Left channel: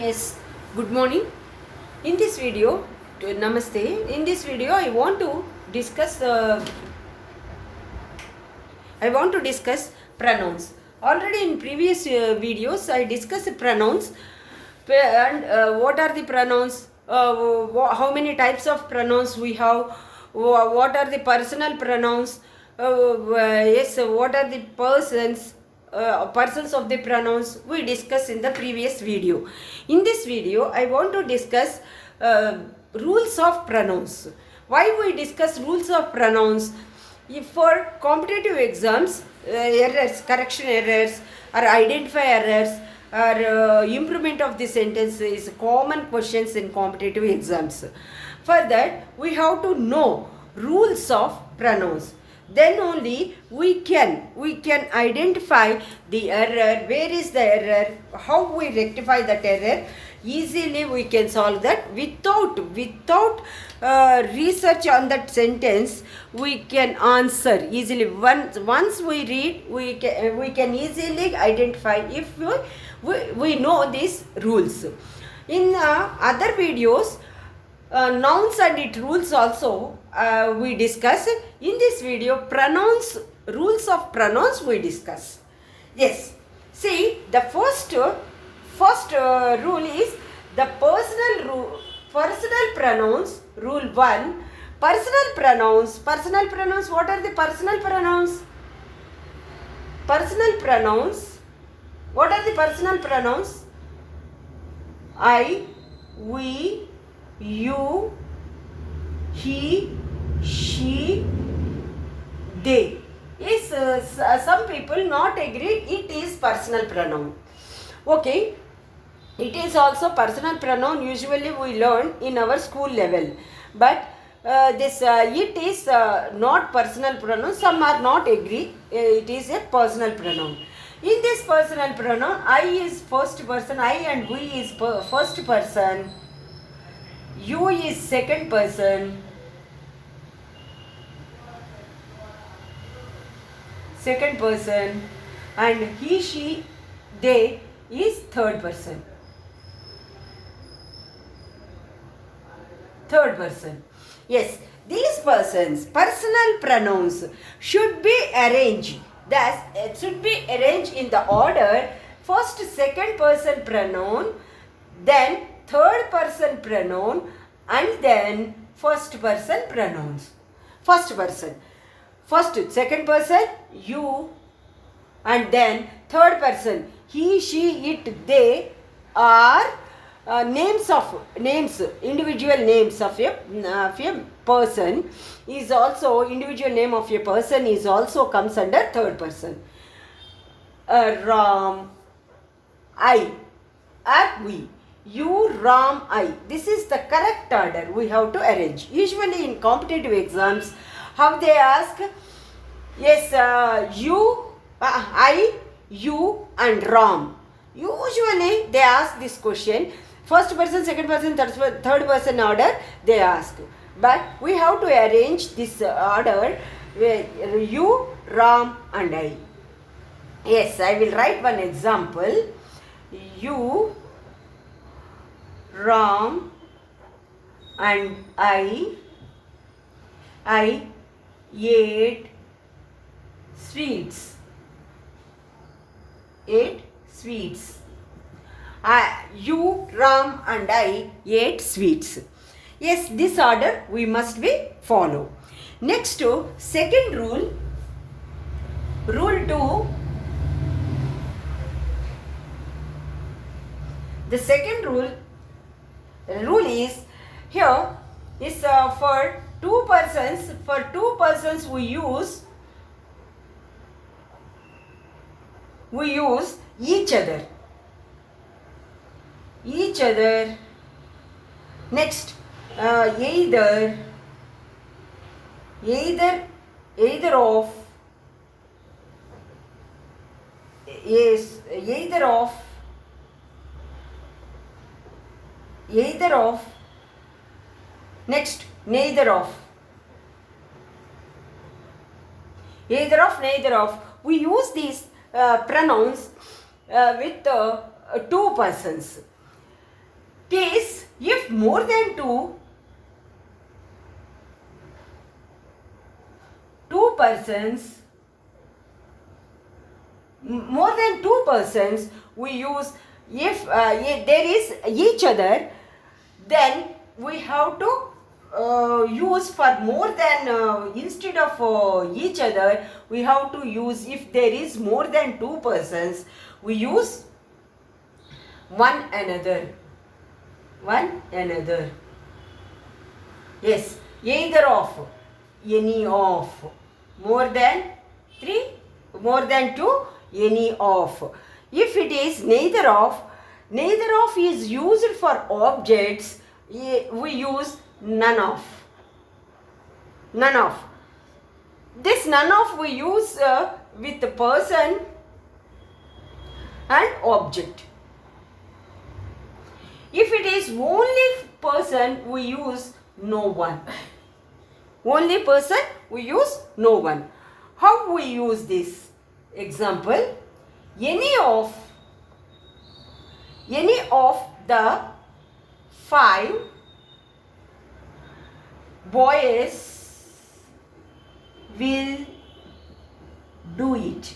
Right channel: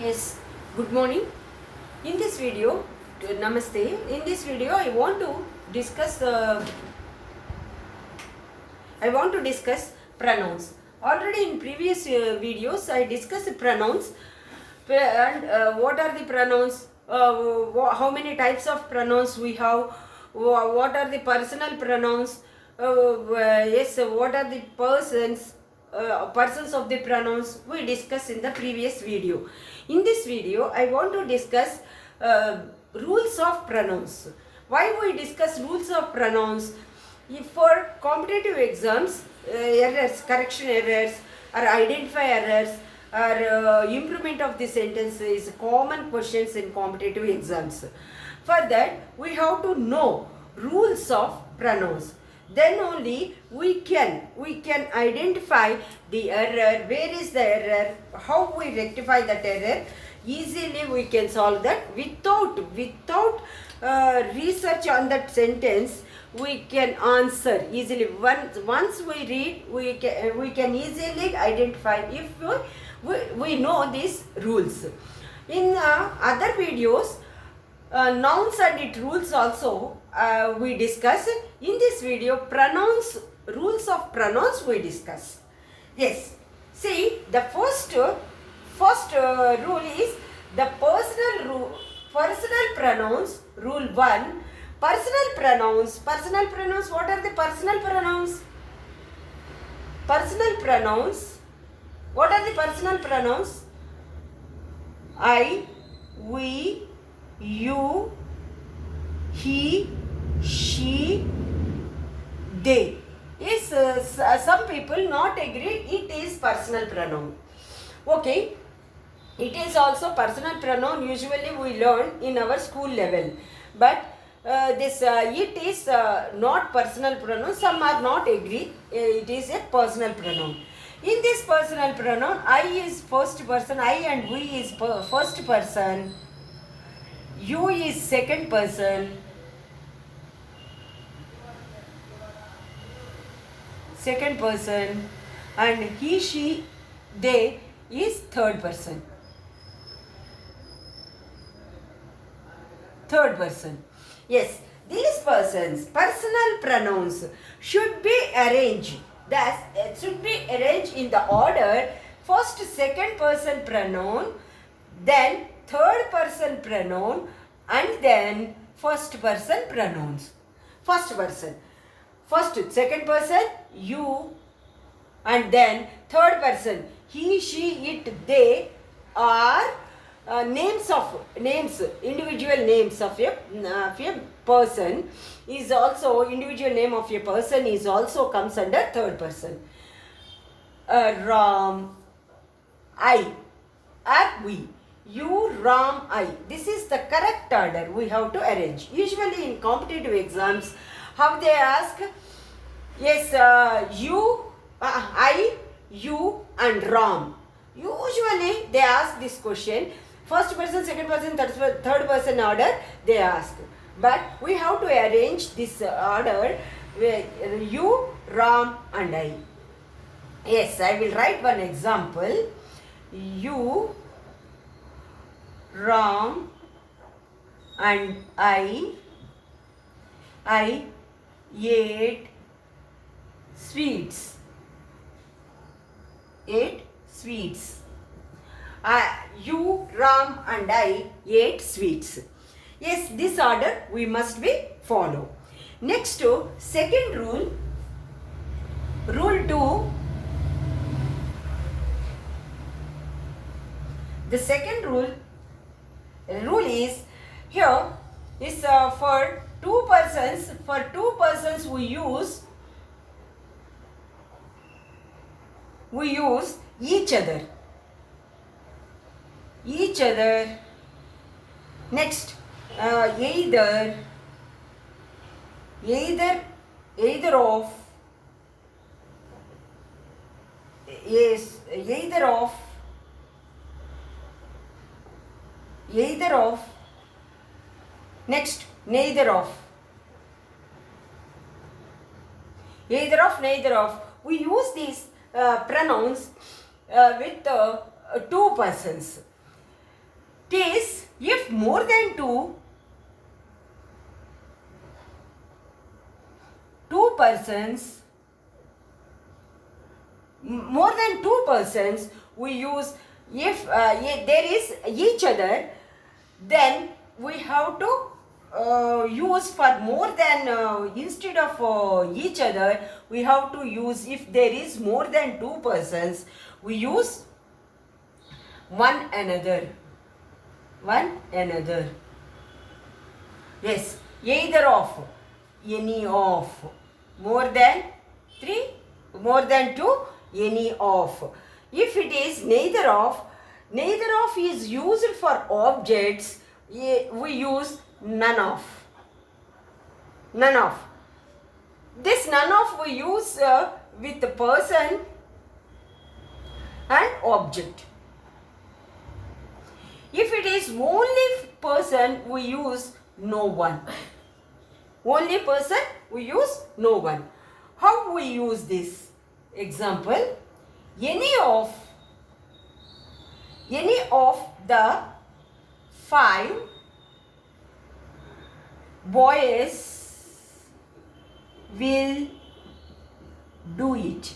Yes, good morning. In this video, Namaste. In this video, I want to discuss pronouns. Already in previous videos, I discussed pronouns and what are the pronouns, how many types of pronouns we have, what are the personal pronouns, what are the persons of the pronouns we discussed in the previous video. In this video, I want to discuss rules of pronouns. Why we discuss rules of pronouns? If for competitive exams, errors, correction errors, or identify errors, or improvement of the sentence is common questions in competitive exams. For that, we have to know rules of pronouns. Then only we can identify the error, where is the error, how we rectify that error. Easily we can solve that without research on that sentence. We can answer easily. Once we read, we can easily identify if we know these rules. In other videos, nouns and its rules also we discuss. In this video, rules of pronouns we discuss. Yes, see, the first rule is the personal pronouns. Rule 1, personal pronouns. What are the personal pronouns? What are the personal pronouns? I, we, you, he, she, they. Is some people not agree it is personal pronoun. Okay, it is also personal pronoun. Usually we learn in our school level, but it is not personal pronoun. Some are not agree it is a personal pronoun. In this personal pronoun, I is first person, I and we is first person, you is second person, and he, she, they is third person. Yes, these persons, personal pronouns should be arranged. Thus, it should be arranged in the order: first, second person pronoun, then third person pronoun, and then first person pronouns. First, second person, you, and then third person, he, she, it, they are individual names of a person. Is also individual name of a person is also comes under third person. Ram, I, or we. You, Ram, I. This is the correct order we have to arrange. Usually in competitive exams, how they ask? Yes, I, you, and Ram. Usually they ask this question. First person, second person, third person order they ask. But we have to arrange this order with you, Ram, and I. Yes, I will write one example. You, Ram, and I ate sweets. You, Ram, and I ate sweets. Yes, this order we must be follow. Next to second rule, rule 2. The second rule is here is for two persons. For two persons we use each other. Next, either of, yes, either of, next, neither of, neither of. We use these pronouns with two persons. case if more than two persons, more than two persons, we use if there is each other, then we have to use for more than instead of each other, we have to use if there is more than two persons, we use one another. One another. Yes, either of, any of. More than three, more than two, any of. If it is neither of is used for objects, we use none of. None of. This none of we use with the person and object. If it is only person, we use no one. Only person, we use no one. How we use this? Example, any of the 5 boys will do it.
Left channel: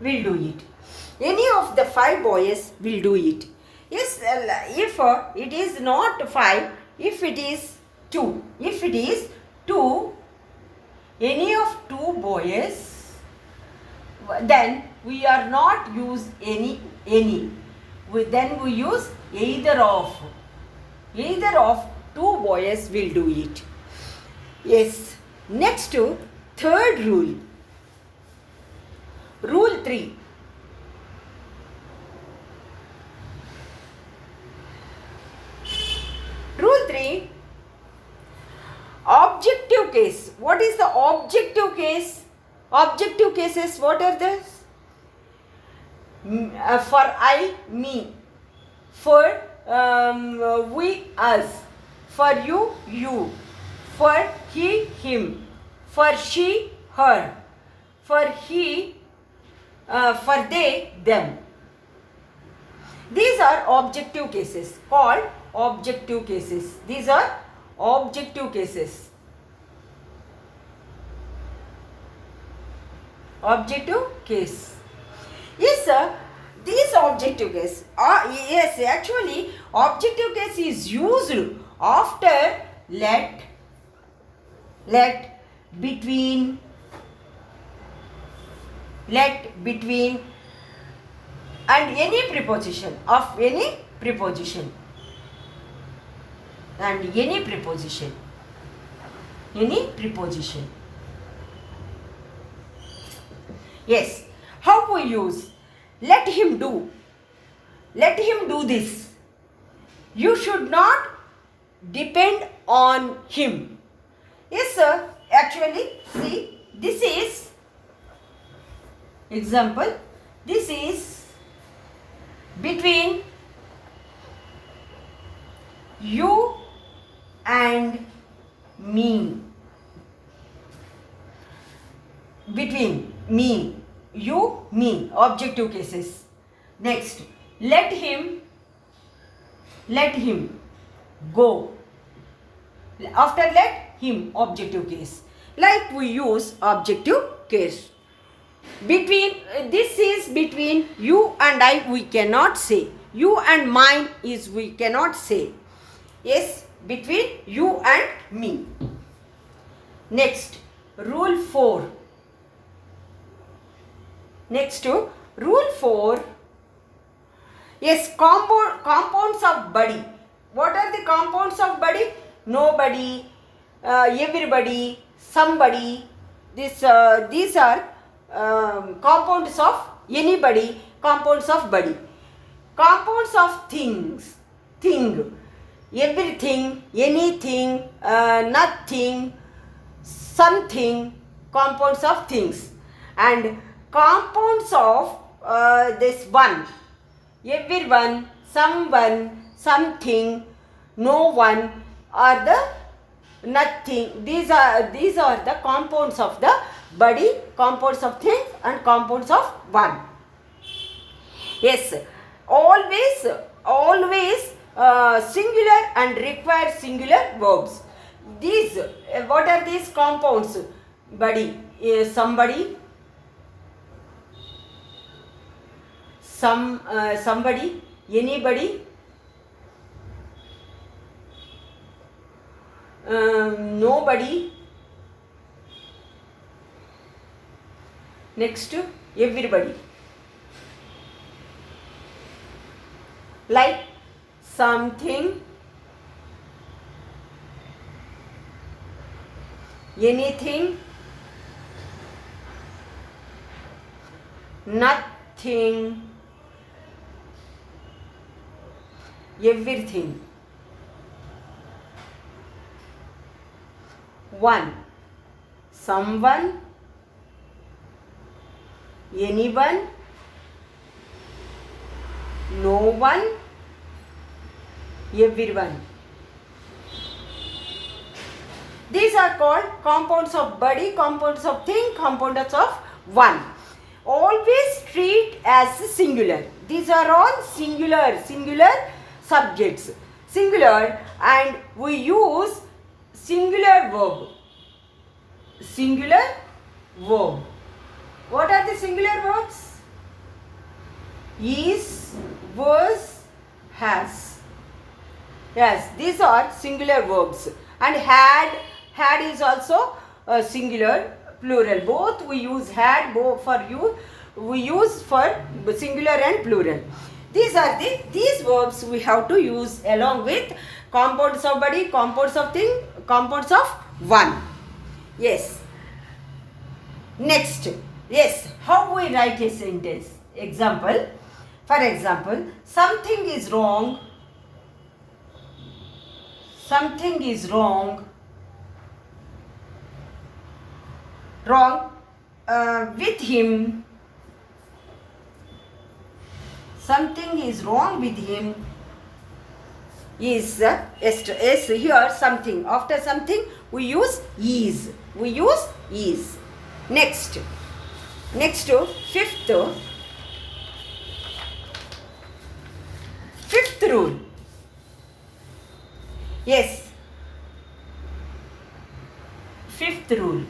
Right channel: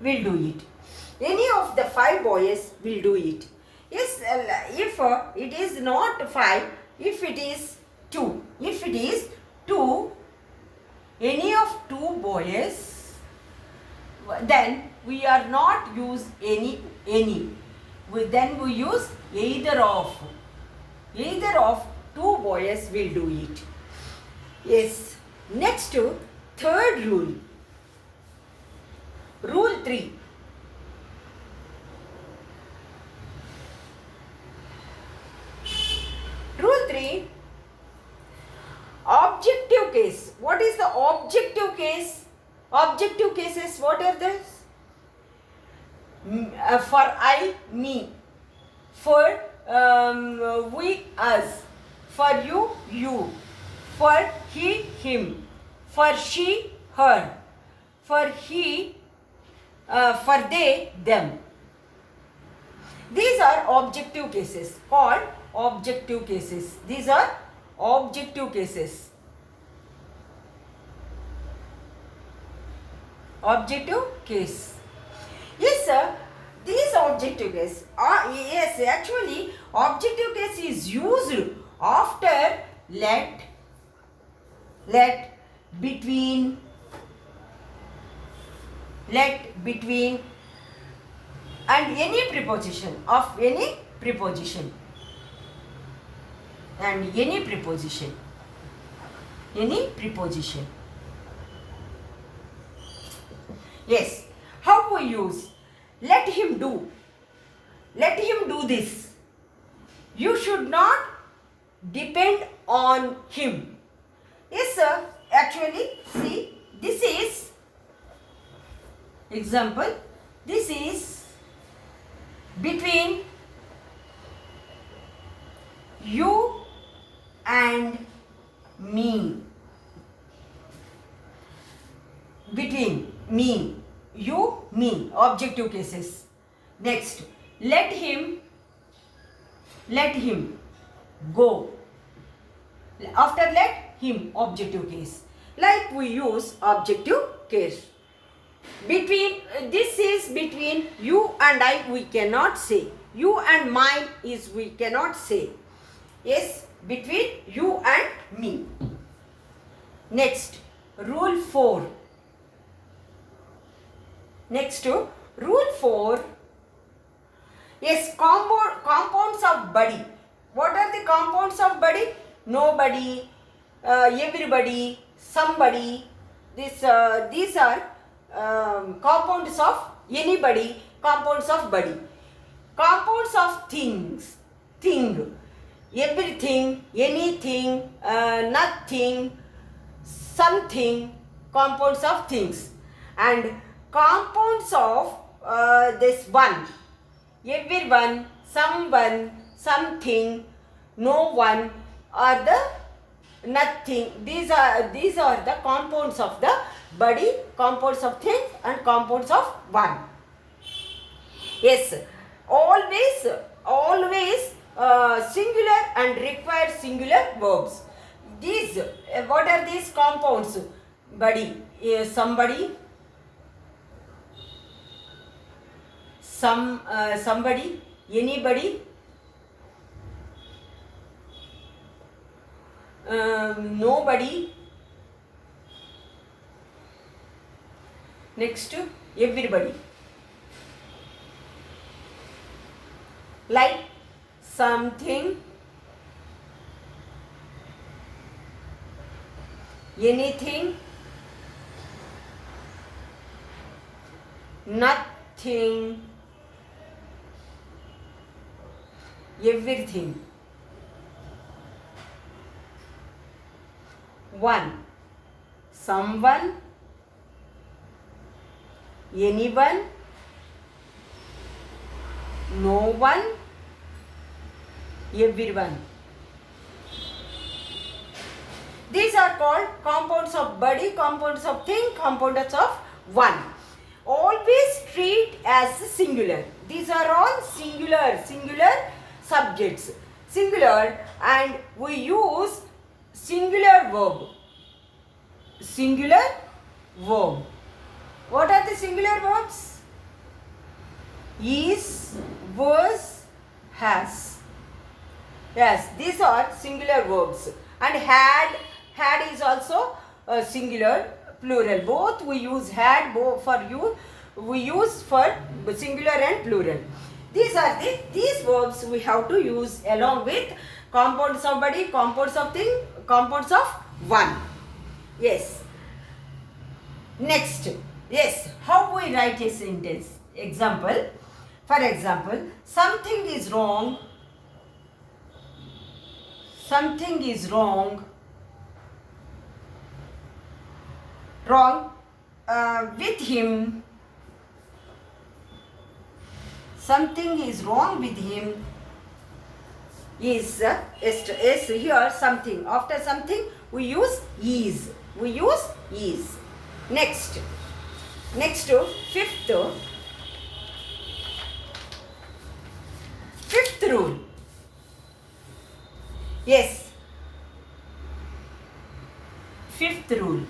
Will do it. Any of the 5 boys will do it. Yes, if it is not 5, if it is 2. If it is 2, any of 2 boys, then we are not use any. Then we use either of. Either of 2 boys will do it. Yes. Next to third rule. Rule 3. Rule 3. Objective case. What is the objective case? Objective cases, what are those? For I, me. For we, us. For you, you. For he, him. For she, her. For he, for they, them. These are objective cases, called objective cases. These are objective cases. Objective case. Yes, sir. These objective case are, yes, actually objective case is used after let, between, and any preposition of any preposition. And any preposition. Any preposition. Yes. How we use? Let him do. Let him do this. You should not depend on him. Yes, sir. Actually, see, this is example. This is between you and me. Between me, you, me. Objective cases. Next, let him go. After let him, objective case. Like we use objective case. Between, this is between you and I, we cannot say. You and mine is we cannot say. Yes, between you and me. Next, rule 4. Next to rule 4. Yes, compounds of body. What are the compounds of body? Nobody, everybody, somebody. These are compounds of anybody, compounds of body. Compounds of things. Thing. Everything, anything, nothing, something, compounds of things. And compounds of this one. Everyone, someone, something, no one, or the nothing. These are the compounds of the body, compounds of things, and compounds of one. Yes, always singular and require singular verbs. These, what are these compounds? Buddy, somebody, somebody, anybody, nobody, next everybody. Like something, anything, nothing, everything. One, someone, anyone, no one, everyone. These are called compounds of body, compounds of thing, compounds of one. Always treat as singular. These are all singular subjects. Singular, and we use singular verb. Singular verb. What are the singular verbs? Is, was, has. Yes, these are singular verbs. And had is also a singular, plural. Both we use had, both for you, we use for singular and plural. These are these verbs we have to use along with compounds of body, compounds of thing, compounds of one. Yes. Next. Yes. How we write a sentence? Example. For example, something is wrong. Something is wrong. Wrong with him. Something is wrong with him. Is here something. After something we use is. We use is. Next fifth rule. Yes, fifth rule.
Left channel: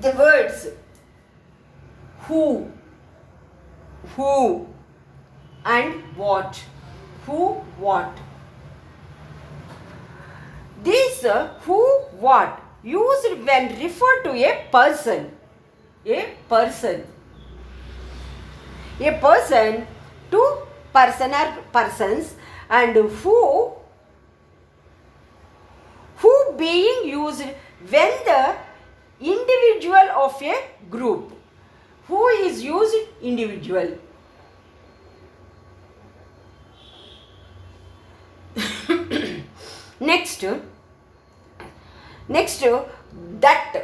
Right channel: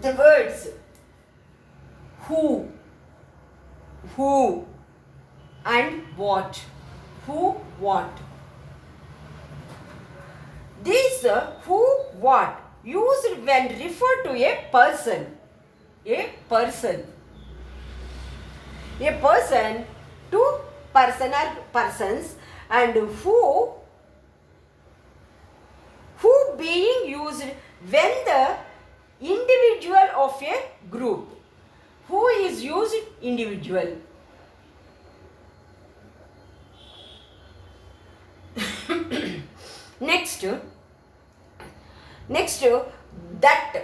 The words who and what. Who, what. These who, what used when referred to a person. A person. A person to person or persons, and who being used when the individual of a group. Who is used individual. Next that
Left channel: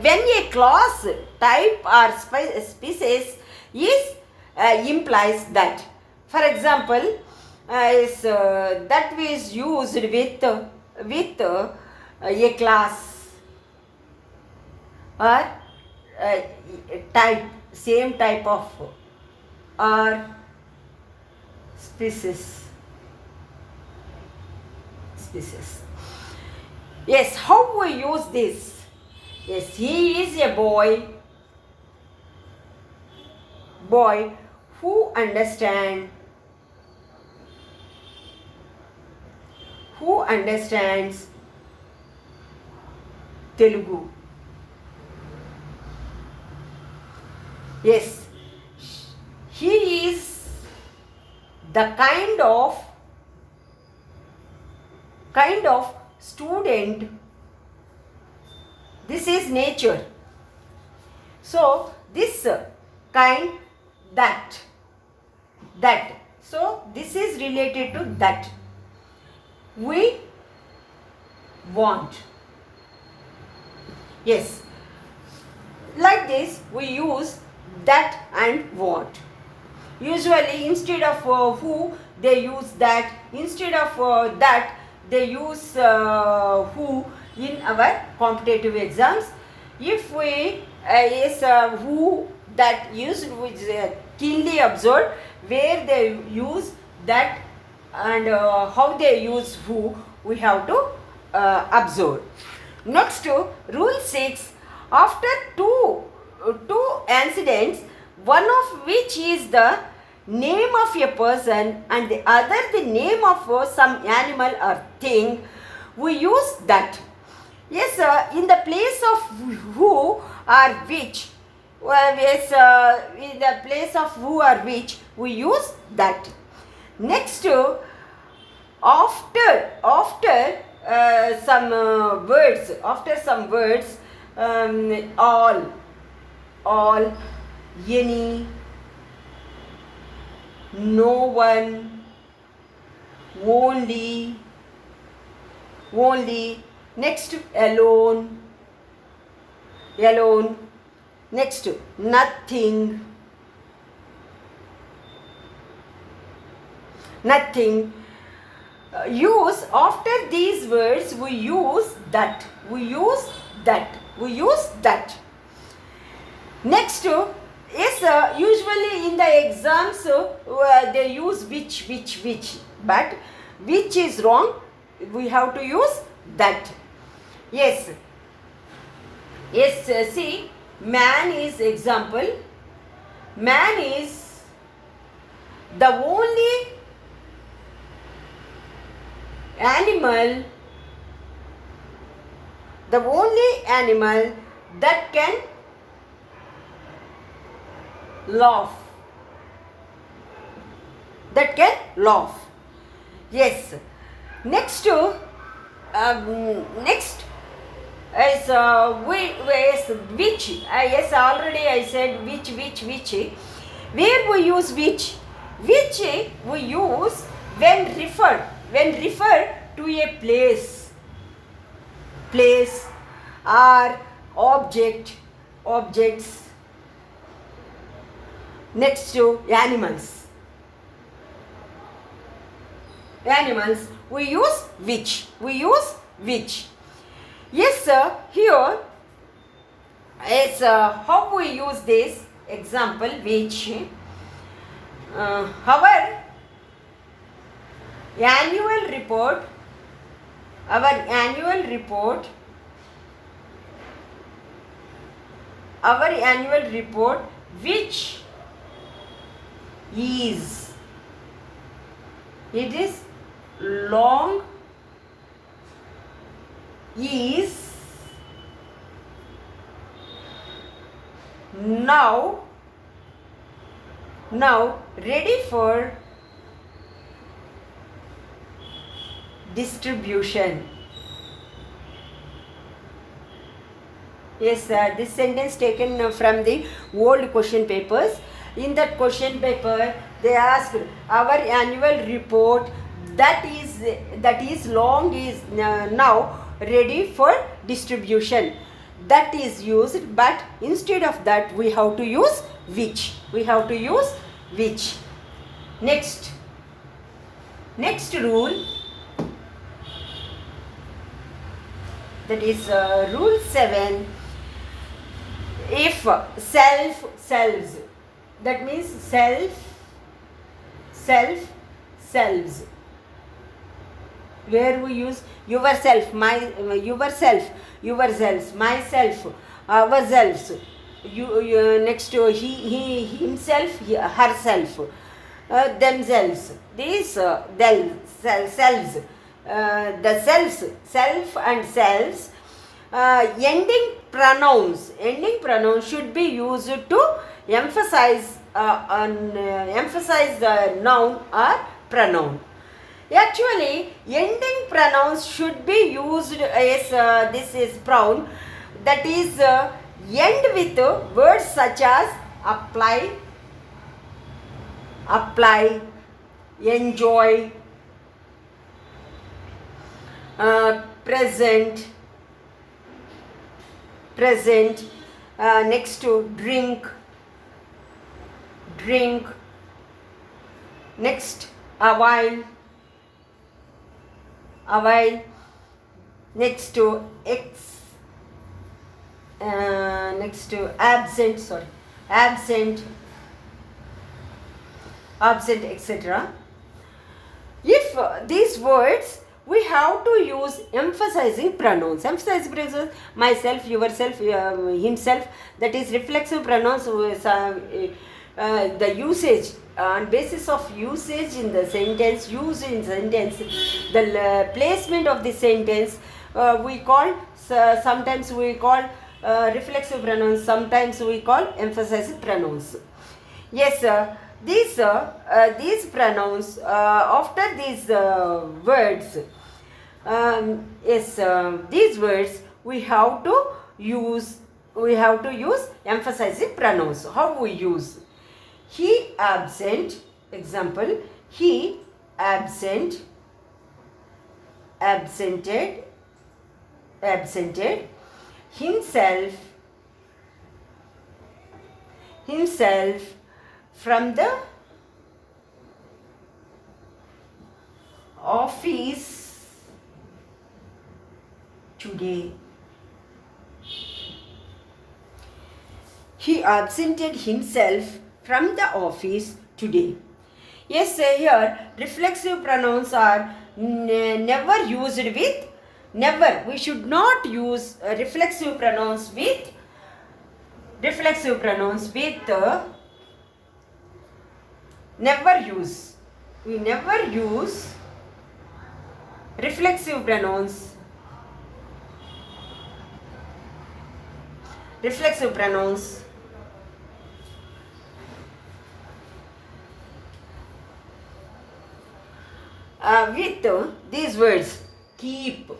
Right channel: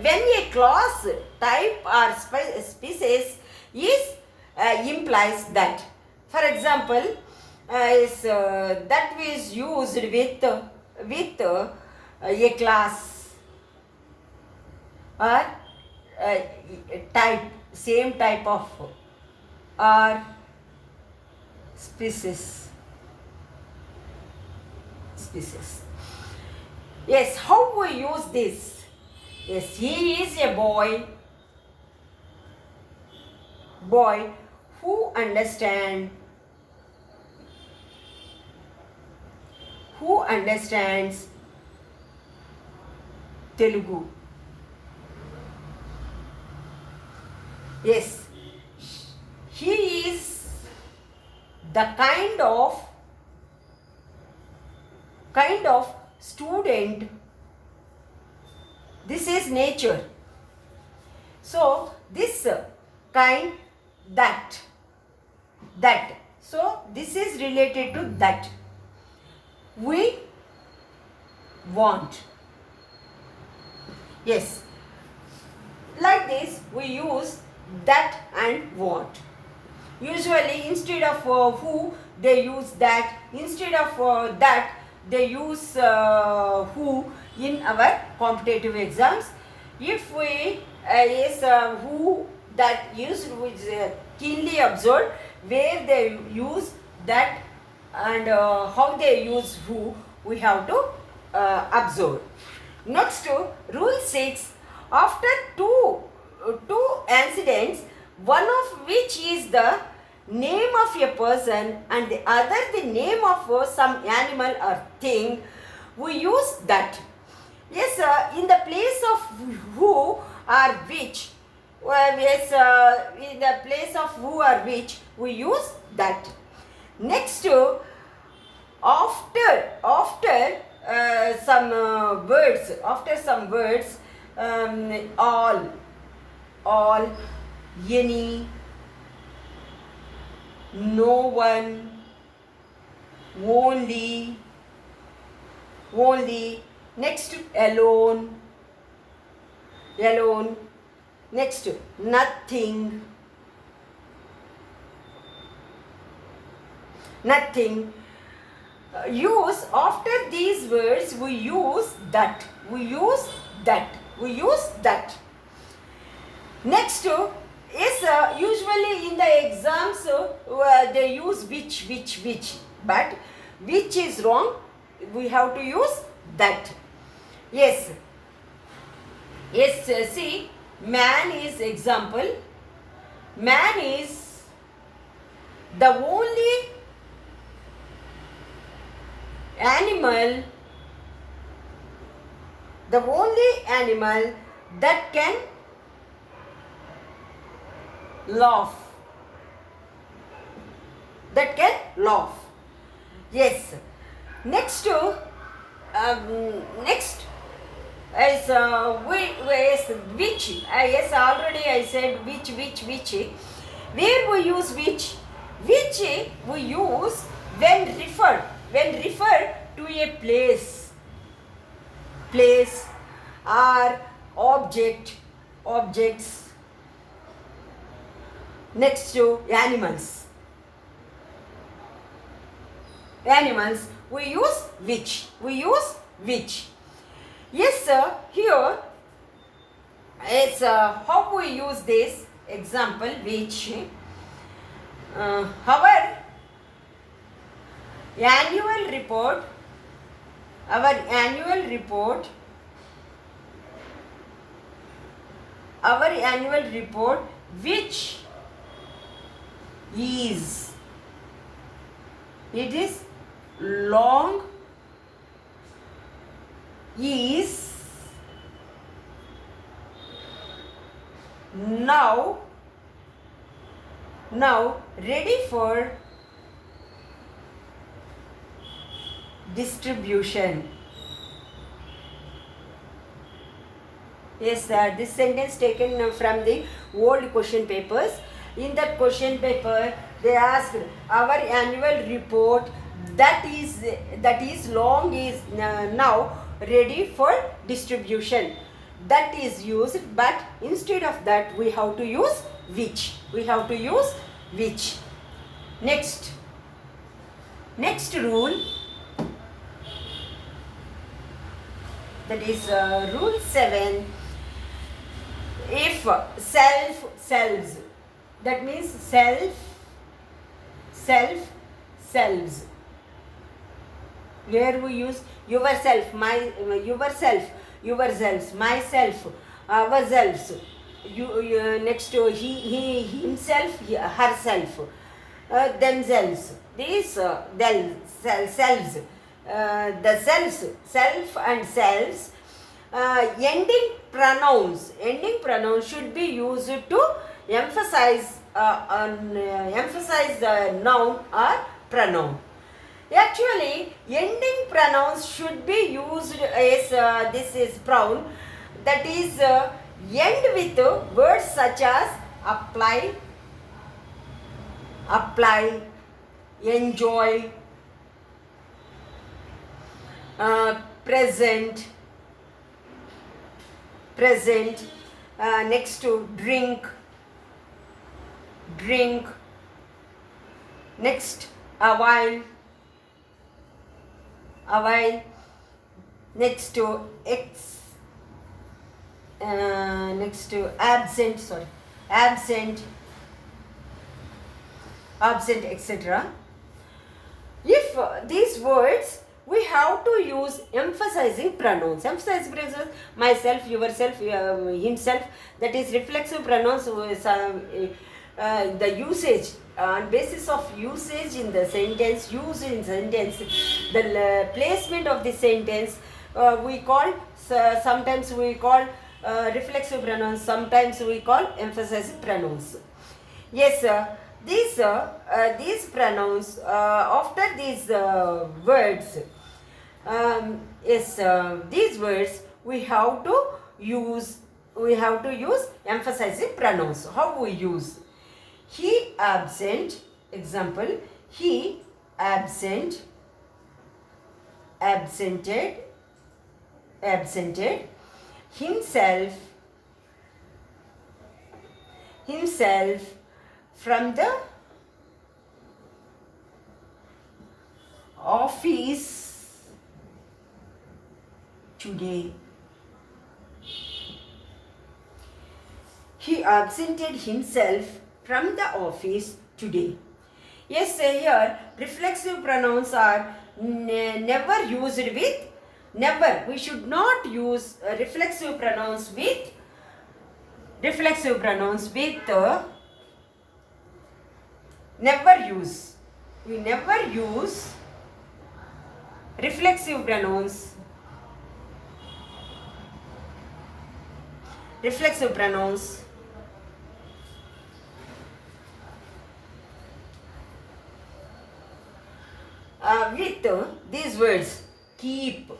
when a class, type or species is implies that. For example, that is used with a class or type, same type of, or species. Yes, how we use this? Yes, he is a boy who understands Telugu. Yes, he is the kind of student. This is nature. So this kind, that. So this is related to that. We want. Yes. Like this we use that and want. Usually instead of who, they use that. Instead of that, they use who in our competitive exams. If we is who that used, which keenly observed where they use that and how they use who, we have to observe. Next, rule 6. After two incidents, one of which is the name of a person and the other the name of some animal or thing, we use that. Yes, in the place of who or which, yes, in the place of who or which, we use that. Next, after some words, all, any, no one, only. Next, alone. Next, nothing. Use after these words, we use that. Next, yes, usually in the exams they use which, but which is wrong. We have to use that. Yes, see, man is example. Man is the only animal that can laugh. Yes. Next is which. Yes, already I said which. Where we use which? Which we use when refer to a place or objects. Next to animals, we use which. Yes, sir. Here is how we use this example which. Our annual report which is, it is long, is now ready for distribution. Yes, this sentence taken from the old question papers. In that question paper, they asked our annual report that is long is now ready for distribution. That is used, but instead of that, we have to use which. Next rule, that is rule 7. If selves, that means selves, where we use yourself, yourselves, myself, ourselves. Next to he himself, herself, themselves. These selves, the selves, self and selves. Ending pronouns should be used to emphasize the noun or pronoun. Actually, ending pronouns should be used as this is pronoun, that is end with words such as apply, enjoy, present. Next to drink. Next, a while. Next to next absent, absent, absent, etc. If these words, we have to use emphasizing pronouns. Emphasizing pronouns, myself, yourself, himself, that is reflexive pronouns. The usage, on basis of usage in the sentence, use in sentence, the placement of the sentence, we call, sometimes we call reflexive pronouns, sometimes we call emphasizing pronouns. Yes, sir. These pronouns, after these words, these words we have to use emphasizing pronouns. How we use? He absent, example, he absent, absented, himself, from the office today. He absented himself from the office today. Yes, here reflexive pronouns are never used with, never. We should not use reflexive pronouns with never use. We never use reflexive pronouns. With these words: keep,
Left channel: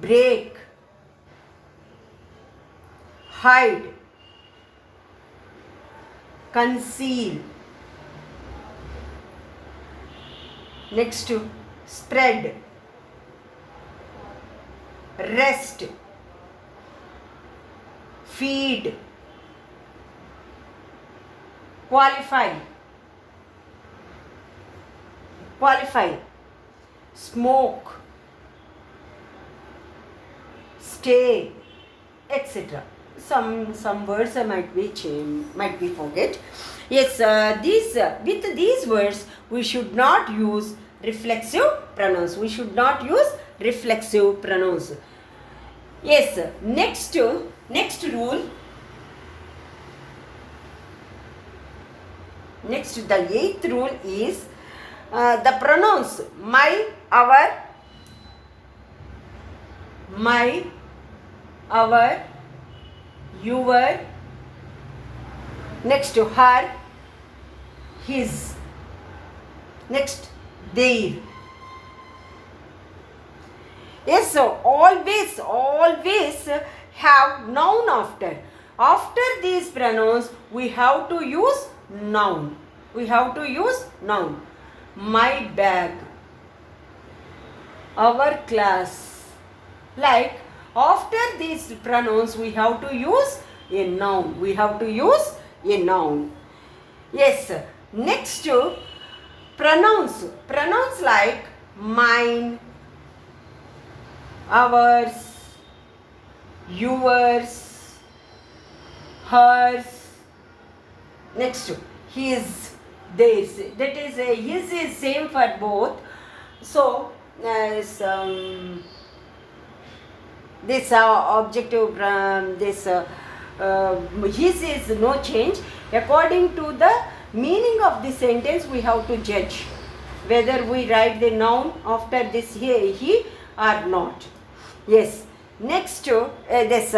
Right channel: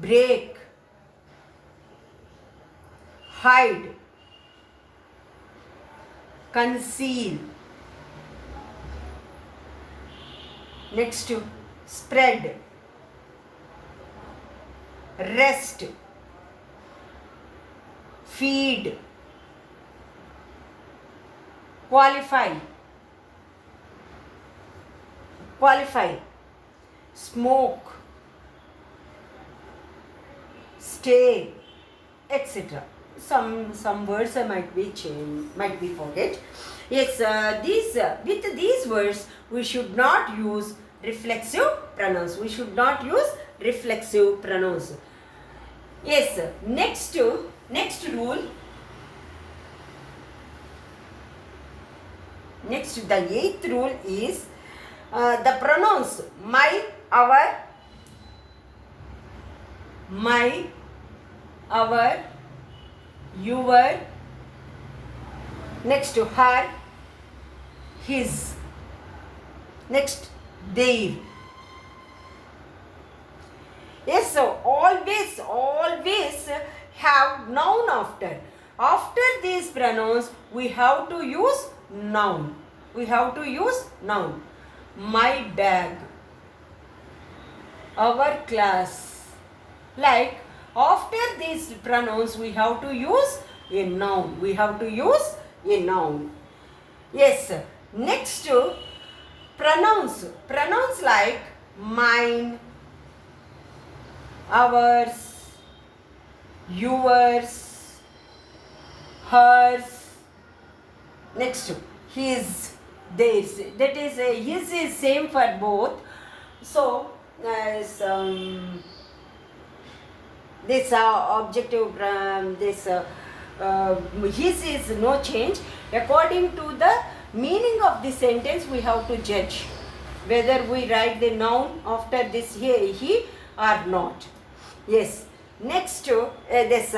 break, hide, conceal. Next to spread, rest, feed, qualify, smoke, stay, etc. Some words might be forget. Yes, with these words we should not use reflexive pronouns. Yes, next rule. The 8th rule is the pronouns my, our, your, next to her, his, next their. Yes, so always have noun after. After these pronouns we have to use noun. My bag, our class. Like after these pronouns we have to use a noun. Yes, next to pronouns like mine, ours, yours, hers. Next to his, theirs. That is his is same for both. So this objective, his is no change. According to the meaning of the sentence we have to judge whether we write the noun after this he or not. Yes, next to these,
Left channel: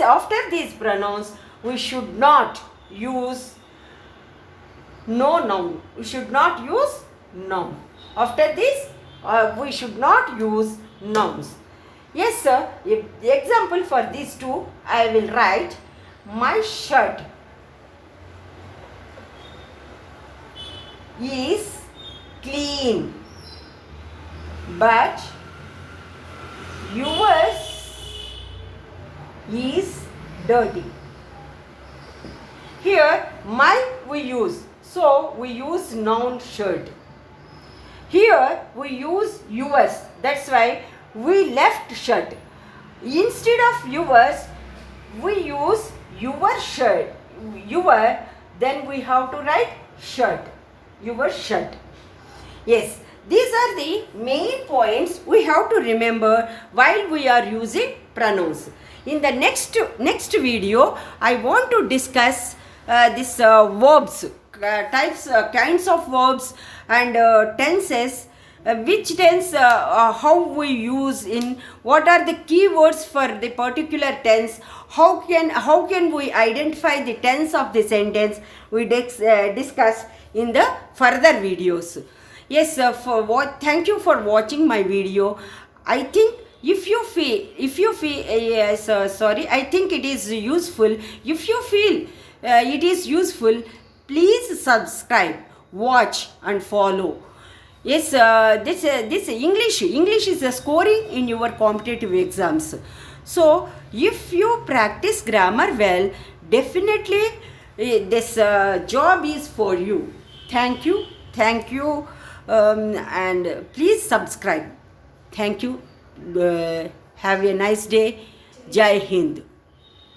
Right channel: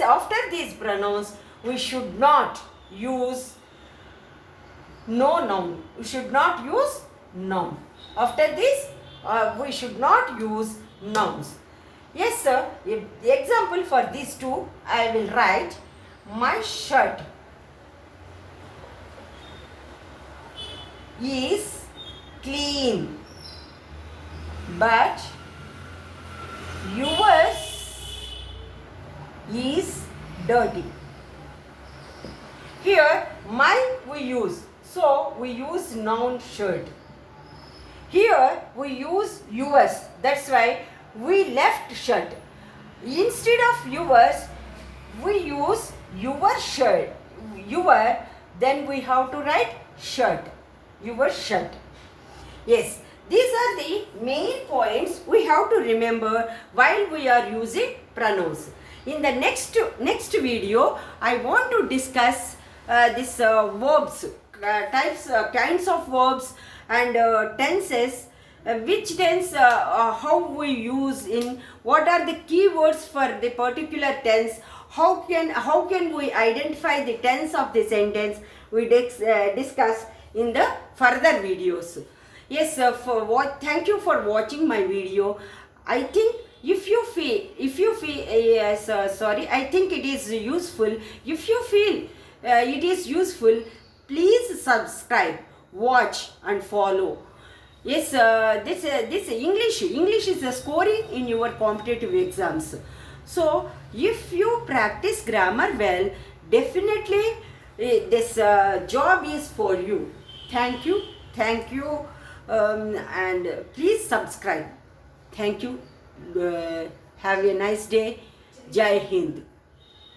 after these pronouns we should not use noun. After this we should not use nouns. Yes, sir. If the example for these two, I will write my shirt is clean, but yours is dirty. Here, my we use. So, we use noun shirt. Here, we use yours. That's why we left shirt. Instead of yours, we use your shirt. Your, then we have to write shirt. Your shirt. Yes, these are the main points we have to remember while we are using pronouns. In the next video, I want to discuss this verbs, kinds of verbs and tenses. Which tense, how we use in, what are the keywords for the particular tense, how can we identify the tense of the sentence, we discuss in the further videos. Yes, thank you for watching my video. I think if you feel I think it is useful. If you feel it is useful, please subscribe, watch and follow. Yes, this English is a scoring in your competitive exams. So if you practice grammar well, definitely this job is for you. Thank you, and please subscribe. Thank you. Have a nice day. Jai Hind.